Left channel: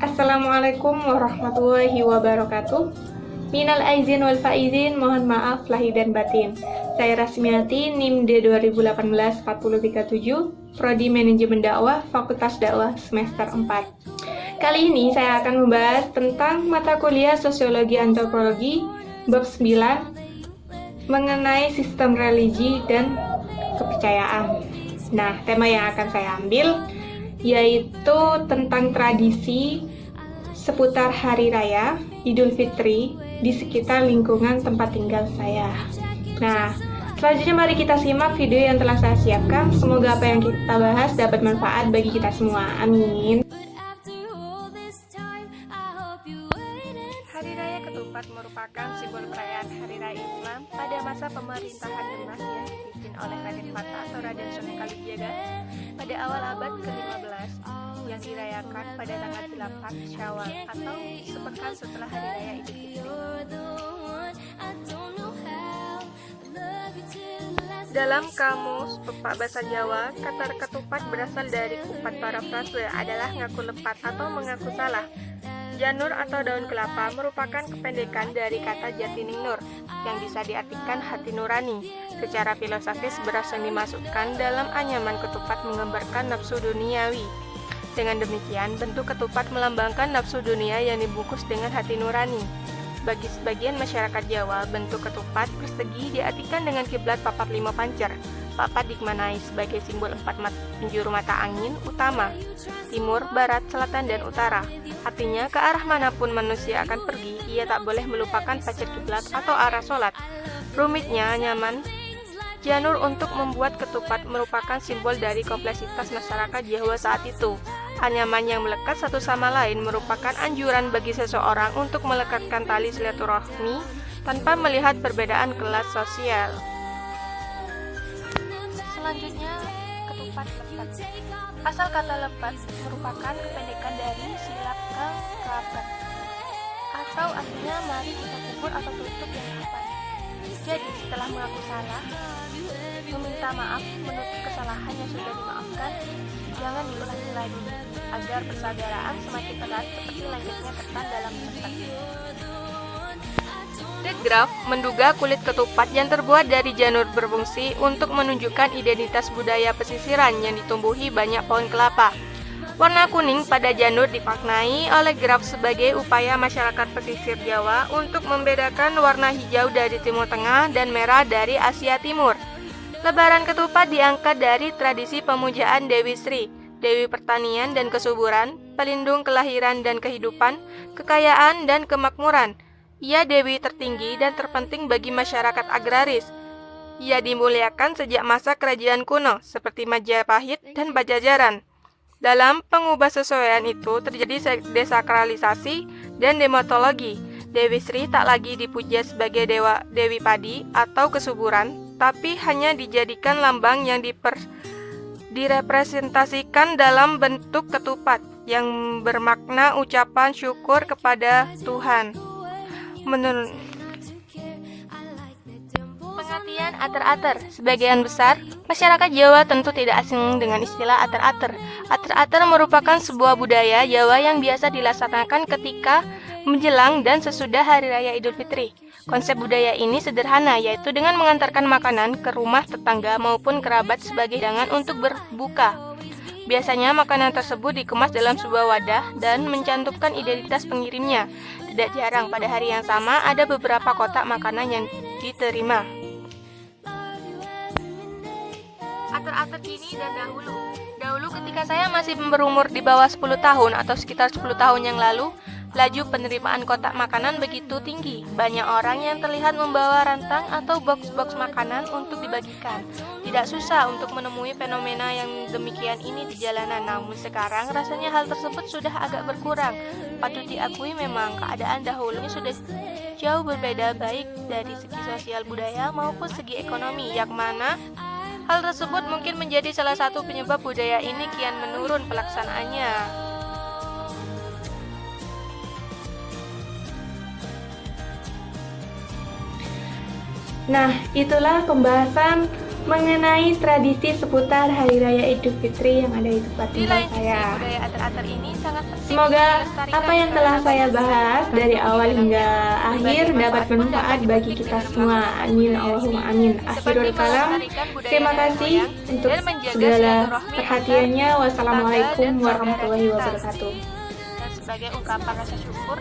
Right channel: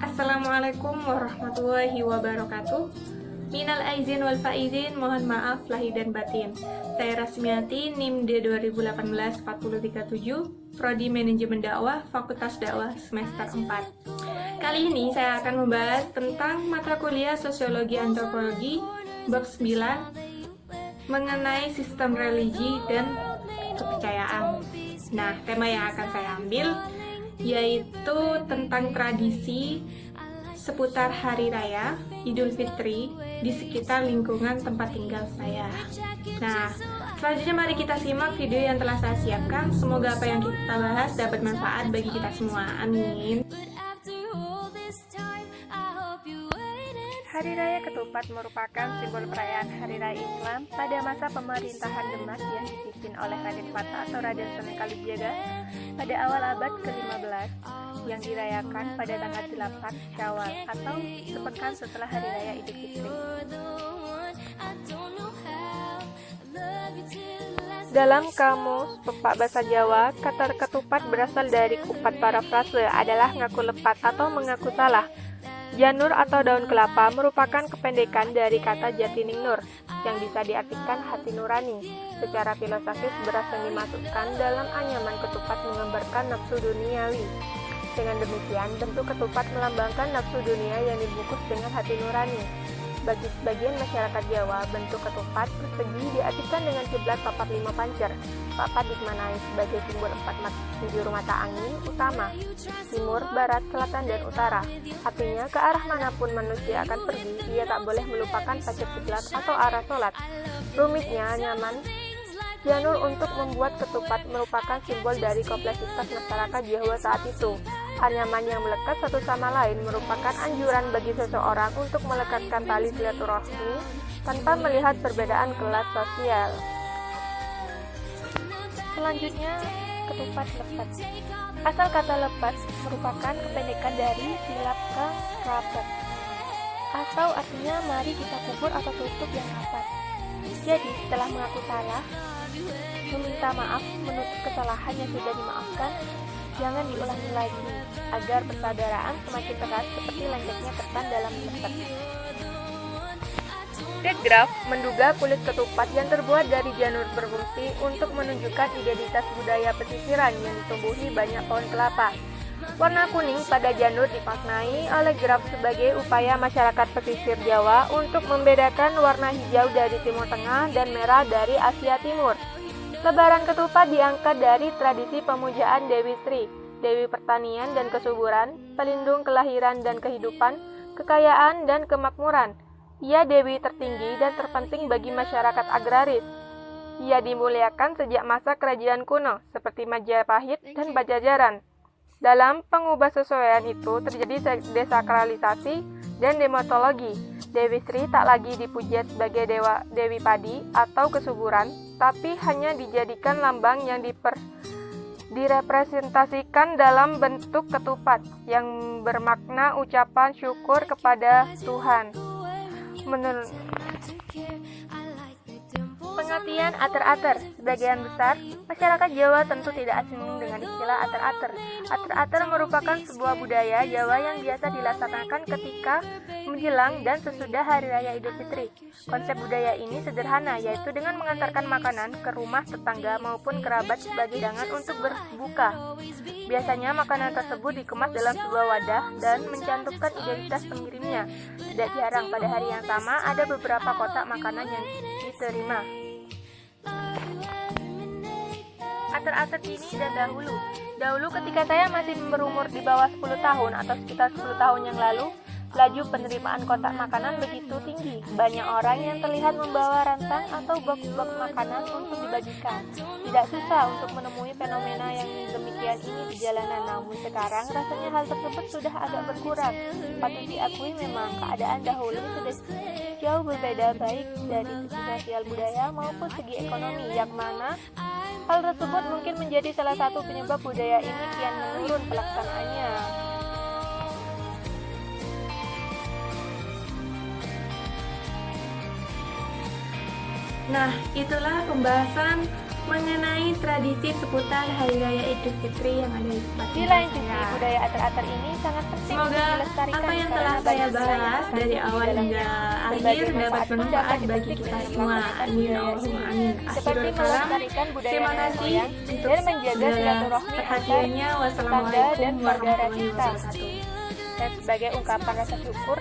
Assalamualaikum warahmatullahi wabarakatuh. Minal aizin wal faizin, mohon maaf lahir dan batin. Saya Rasmiati, NIM D 2018-437, Prodi Manajemen Dakwah, Fakultas Dakwah semester 4. Kali ini saya akan membahas tentang mata kuliah Sosiologi Antropologi bab 9 mengenai sistem religi dan kepercayaan. Nah, tema yang akan saya ambil yaitu tentang tradisi seputar Hari Raya Idul Fitri di sekitar lingkungan tempat tinggal saya. Nah, selanjutnya mari kita simak video yang telah saya siapkan. Semoga apa yang kita bahas dapat manfaat bagi kita semua. Amin. Hari Raya Ketupat merupakan simbol perayaan Hari Raya Islam pada masa pemerintahan Demak yang dipimpin oleh Raden Fata atau Raden Sunan Kalijaga pada awal abad ke-15 yang dirayakan pada tanggal 8 Syawal atau sepekan setelah Hari Raya Idul Fitri. Dalam kamus Pepak Bahasa Jawa, kata ketupat berasal dari kupat parafrase adalah ngaku lepat atau mengaku salah. Janur atau daun kelapa merupakan kependekan dari kata jatining nur yang bisa diartikan hati nurani. Secara filosofis beras yang dimasukkan dalam anyaman ketupat menggambarkan nafsu duniawi. Dengan demikian, bentuk ketupat melambangkan nafsu dunia yang dibungkus dengan hati nurani. Bagi sebagian masyarakat Jawa, bentuk ketupat persegi diartikan dengan kiblat papat 5 pancer. Papat dimaknai sebagai simbol 4 penjuru mata angin utama, timur, barat, selatan, dan utara. Artinya, ke arah manapun manusia akan pergi, ia tak boleh melupakan pancer kiblat atau arah sholat. Rumitnya, nyaman janur untuk membuat ketupat merupakan simbol dari kompleksitas masyarakat Jawa saat itu. Anyaman yang melekat satu sama lain merupakan anjuran bagi seseorang untuk melekatkan tali silaturahmi tanpa melihat perbedaan kelas sosial. Selanjutnya, ketupat lepat. Asal kata lepat merupakan kependekan dari silap kelapat, atau artinya mari kita kubur atau tutup yang rapat. Jadi, setelah mengaku salah, meminta maaf, menutup kesalahan yang sudah dimaafkan, jangan diulangi lagi, agar persaudaraan semakin erat seperti lengketnya ketan dalam lepet. De Graaf menduga kulit ketupat yang terbuat dari janur berfungsi untuk menunjukkan identitas budaya pesisiran yang ditumbuhi banyak pohon kelapa. Warna kuning pada janur dimaknai oleh Graaf sebagai upaya masyarakat pesisir Jawa untuk membedakan warna hijau dari Timur Tengah dan merah dari Asia Timur. Lebaran ketupat diangkat dari tradisi pemujaan Dewi Sri, Dewi Pertanian dan Kesuburan, pelindung kelahiran dan kehidupan, kekayaan dan kemakmuran. Ia dewi tertinggi dan terpenting bagi masyarakat agraris. Ia dimuliakan sejak masa kerajaan kuno, seperti Majapahit dan Pajajaran. Dalam pengubah-sesuaian itu terjadi desakralisasi dan dematologi. Dewi Sri tak lagi dipuja sebagai dewi padi atau kesuburan, tapi hanya dijadikan lambang yang direpresentasikan dalam bentuk ketupat yang bermakna ucapan syukur kepada Tuhan. Menurut pengertian ater-ater, sebagian besar masyarakat Jawa tentu tidak asing dengan istilah ater-ater. Ater-ater merupakan sebuah budaya Jawa yang biasa dilaksanakan ketika menjelang dan sesudah Hari Raya Idul Fitri. Konsep budaya ini sederhana, yaitu dengan mengantarkan makanan ke rumah tetangga maupun kerabat sebagai hidangan untuk berbuka. Biasanya makanan tersebut dikemas dalam sebuah wadah dan mencantumkan identitas pengirimnya. Tidak jarang pada hari yang sama ada beberapa kotak makanan yang diterima. Ater-ater kini dan dahulu. Dahulu ketika saya masih berumur di bawah 10 tahun atau sekitar 10 tahun yang lalu, laju penerimaan kotak makanan begitu tinggi. Banyak orang yang terlihat membawa rantang atau box-box makanan untuk dibagikan. Tidak susah untuk menemui fenomena yang demikian ini di jalanan. Namun sekarang rasanya hal tersebut sudah agak berkurang. Patut diakui memang keadaan dahulu sudah jauh berbeda, baik dari segi sosial budaya maupun segi ekonomi, yang mana hal tersebut mungkin menjadi salah satu penyebab budaya ini kian menurun pelaksanaannya. Nah, itulah pembahasan mengenai tradisi seputar Hari Raya Idul Fitri yang ada di tempat Di tinggal lain sisi, saya. budaya atar-atar ini sangat penting Semoga dilestarikan apa yang karena telah saya banyak bahas nilai dari yang awal terkandung di hingga dalamnya. akhir Berbagai dapat manfaat pun bermanfaat dapat bagi dipetik kita dengan semua. melakukan Amin budaya Allahumma ini. amin. Seperti Akhirul kalam. melestarikan budaya Terima nenek kasih moyang untuk dan menjaga segala silaturahmi perhatiannya. antar Wassalamualaikum tetangga dan saudara warahmatullahi kita. wabarakatuh. Dan sebagai ungkapan rasa syukur,